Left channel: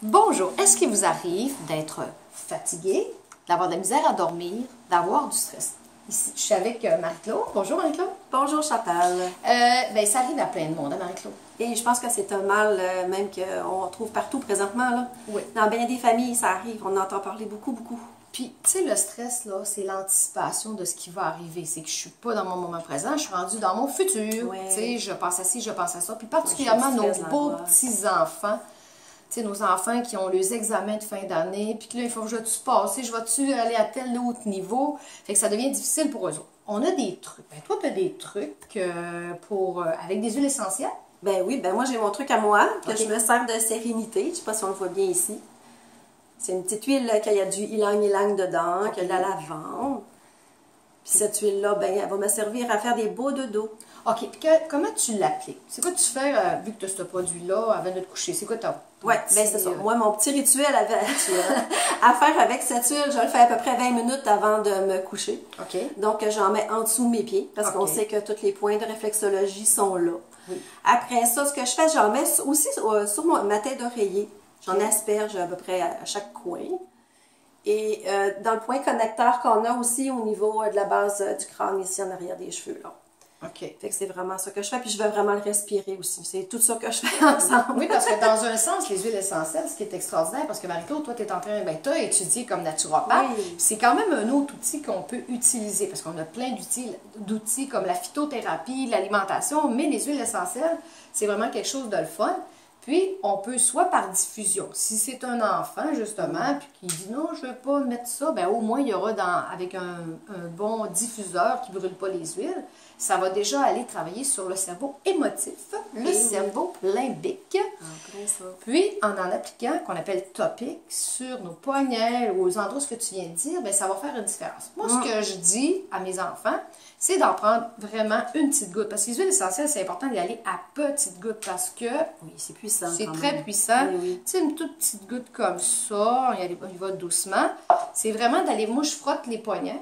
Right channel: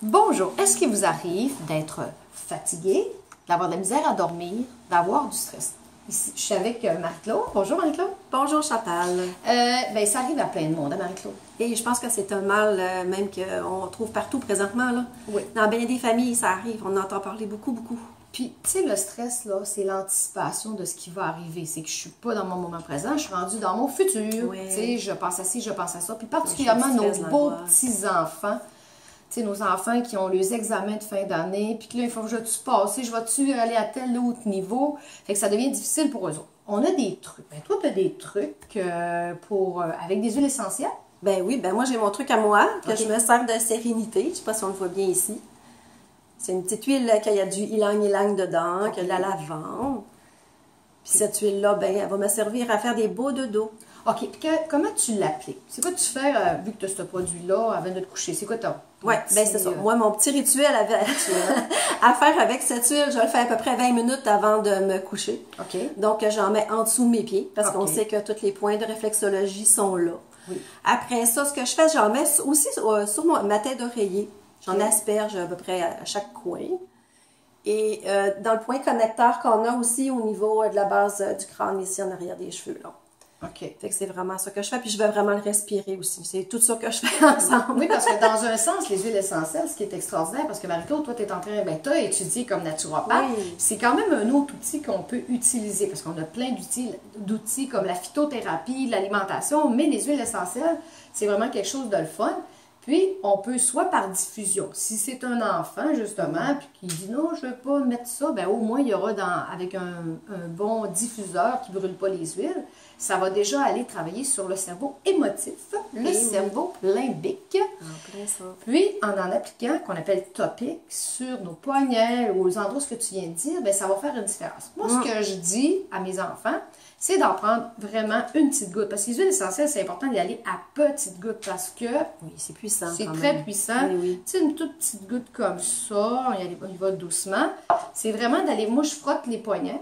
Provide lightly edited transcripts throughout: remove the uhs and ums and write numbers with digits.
Bonjour, est-ce qu'il vous arrive d'être fatigué, d'avoir de la misère à dormir, d'avoir du stress? Ici, je suis avec Marie-Claude. Bonjour Marie-Claude. Bonjour Chantal. Ben, ça arrive à plein de monde, hein, Marie-Claude? Et je pense que c'est un mal même qu'on trouve partout présentement. Là. Oui. Dans bien des familles, ça arrive. On en entend parler beaucoup, beaucoup. Puis, tu sais, le stress, là, c'est l'anticipation de ce qui va arriver. C'est que je suis pas dans mon moment présent, je suis rendue dans mon futur. Oui. Tu sais, je pense à ci, je pense à ça. Puis particulièrement nos beaux petits-enfants. Tu sais, nos enfants qui ont les examens de fin d'année, puis que là, il faut que je vais-tu passer, je vais-tu aller à tel autre niveau? Fait que ça devient difficile pour eux autres. On a des trucs. Ben, toi, tu as des trucs avec des huiles essentielles? Ben oui, ben moi j'ai mon truc à moi, que Okay. je me sers de sérénité. Je sais pas si on le voit bien ici. C'est une petite huile qui a du ylang-ylang dedans, Okay. qui a de la lavande. Puis cette huile-là, ben, elle va me servir à faire des beaux dodos. OK. Puis comment tu l'appliques? C'est quoi tu fais, vu que tu as ce produit-là, avant de te coucher? C'est quoi ton Oui, ben c'est ça. Moi, mon petit rituel à faire avec cette huile, je le fais à peu près 20 minutes avant de me coucher. OK. Donc, j'en mets en dessous de mes pieds, parce qu'on OK. sait que tous les points de réflexologie sont là. Oui. Après ça, ce que je fais, j'en mets aussi sur ma tête d'oreiller. J'en asperge à peu près à chaque coin. Et dans le point connecteur qu'on a aussi au niveau de la base du crâne, ici en arrière des cheveux. Là. OK. Fait que c'est vraiment ça que je fais, puis je vais vraiment le respirer aussi. C'est tout ça que je fais ensemble. Oui, parce que dans un sens, les huiles essentielles, ce qui est extraordinaire, parce que Marie-Claude, toi, tu es en train, ben, tu as étudié comme naturopathe, Oui. c'est quand même un autre outil qu'on peut utiliser, parce qu'on a plein d'outils comme la phytothérapie, l'alimentation, mais les huiles essentielles, c'est vraiment quelque chose de le fun. Puis, on peut soit par diffusion. Si c'est un enfant, justement, puis qui dit non, je ne veux pas mettre ça, ben au moins, il y aura avec un bon diffuseur qui ne brûle pas les huiles, ça va déjà aller travailler sur le cerveau émotif, le cerveau limbique. En plein ça. Puis, en appliquant, qu'on appelle topique, sur nos poignets ou aux endroits ce que tu viens de dire, bien, ça va faire une différence. Moi, ce que je dis à mes enfants, c'est d'en prendre vraiment une petite goutte. Parce que les huiles essentielles, c'est important d'y aller à petites gouttes parce que Oui, c'est puissant. c'est quand très même. puissant. Oui, oui. Tu sais, une toute petite goutte comme ça, on y va doucement. C'est vraiment d'aller, moi, je frotte les poignets.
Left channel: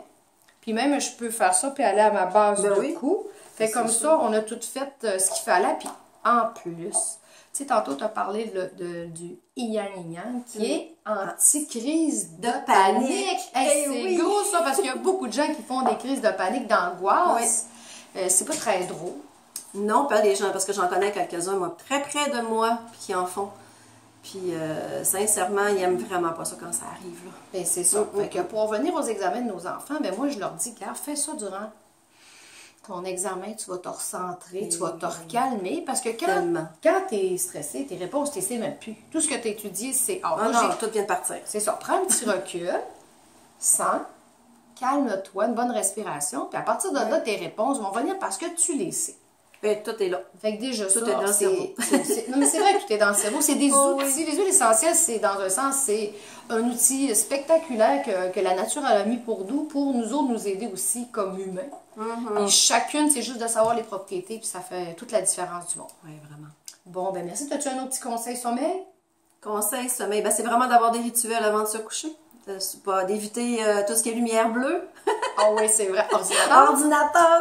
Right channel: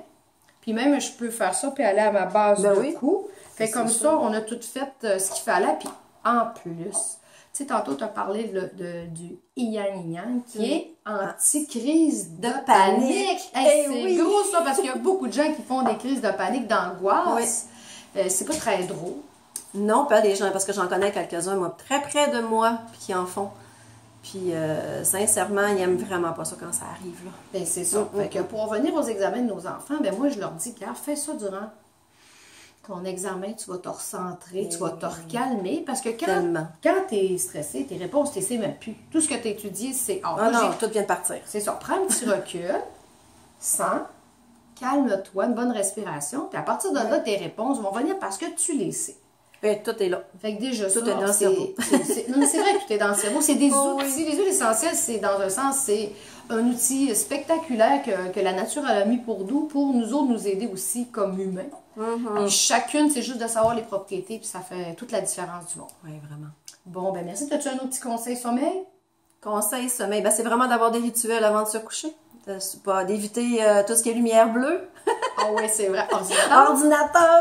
Puis même, je peux faire ça puis aller à ma base Ben de oui. cou. Fait C'est comme ça. ça, on a tout fait ce qu'il fallait. Puis en plus, tu sais, tantôt, tu as parlé du yin-yang qui est anti-crise de panique. Hey, c'est oui. gros ça, parce qu'il y a beaucoup de gens qui font des crises de panique, d'angoisse. C'est pas très drôle. Non, pas les gens, parce que j'en connais quelques-uns, moi, très près de moi, qui en font. Puis, sincèrement, ils n'aiment vraiment pas ça quand ça arrive. Là. Ben, c'est ça. Fait que pour revenir aux examens de nos enfants, ben moi, je leur dis, regarde, fais ça durant ton examen, tu vas te recentrer, tu vas te recalmer, parce que quand tu es stressé, tes réponses, tu ne sais même plus. Tout ce que tu as étudié, c'est... Ah non, tout vient de partir. C'est ça. Prends un petit recul, sens, calme-toi, une bonne respiration, puis à partir de là, tes réponses vont venir parce que tu les sais. Et tout est là. Fait que déjà, Tout est dans le cerveau. Non, mais c'est vrai que tout est dans le cerveau. C'est des Oh, outils. Les huiles essentielles, c'est dans un sens, c'est un outil spectaculaire que la nature a mis pour nous autres, nous aider aussi comme humains. Et chacune, c'est juste de savoir les propriétés, puis ça fait toute la différence du monde. Oui, vraiment. Bon, ben merci. As-tu un autre petit conseil sommeil? Conseil, sommeil, ben, c'est vraiment d'avoir des rituels avant de se coucher. D'éviter tout ce qui est lumière bleue. Ah oui, c'est vrai. Ordinateur. Ordinateur.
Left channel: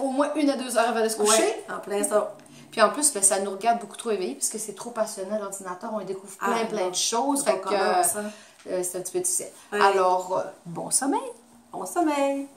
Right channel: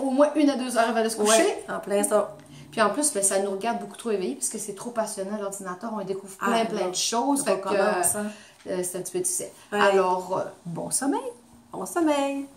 Au moins 1 à 2 heures avant de se coucher. Ouais, en plein ça. Puis en plus, là, ça nous regarde beaucoup trop éveillés, parce que c'est trop passionnant, l'ordinateur. On y découvre plein de choses. C'est Fait pas que commun, ça. c'est un petit peu difficile. Ouais. Alors, bon sommeil! Bon sommeil.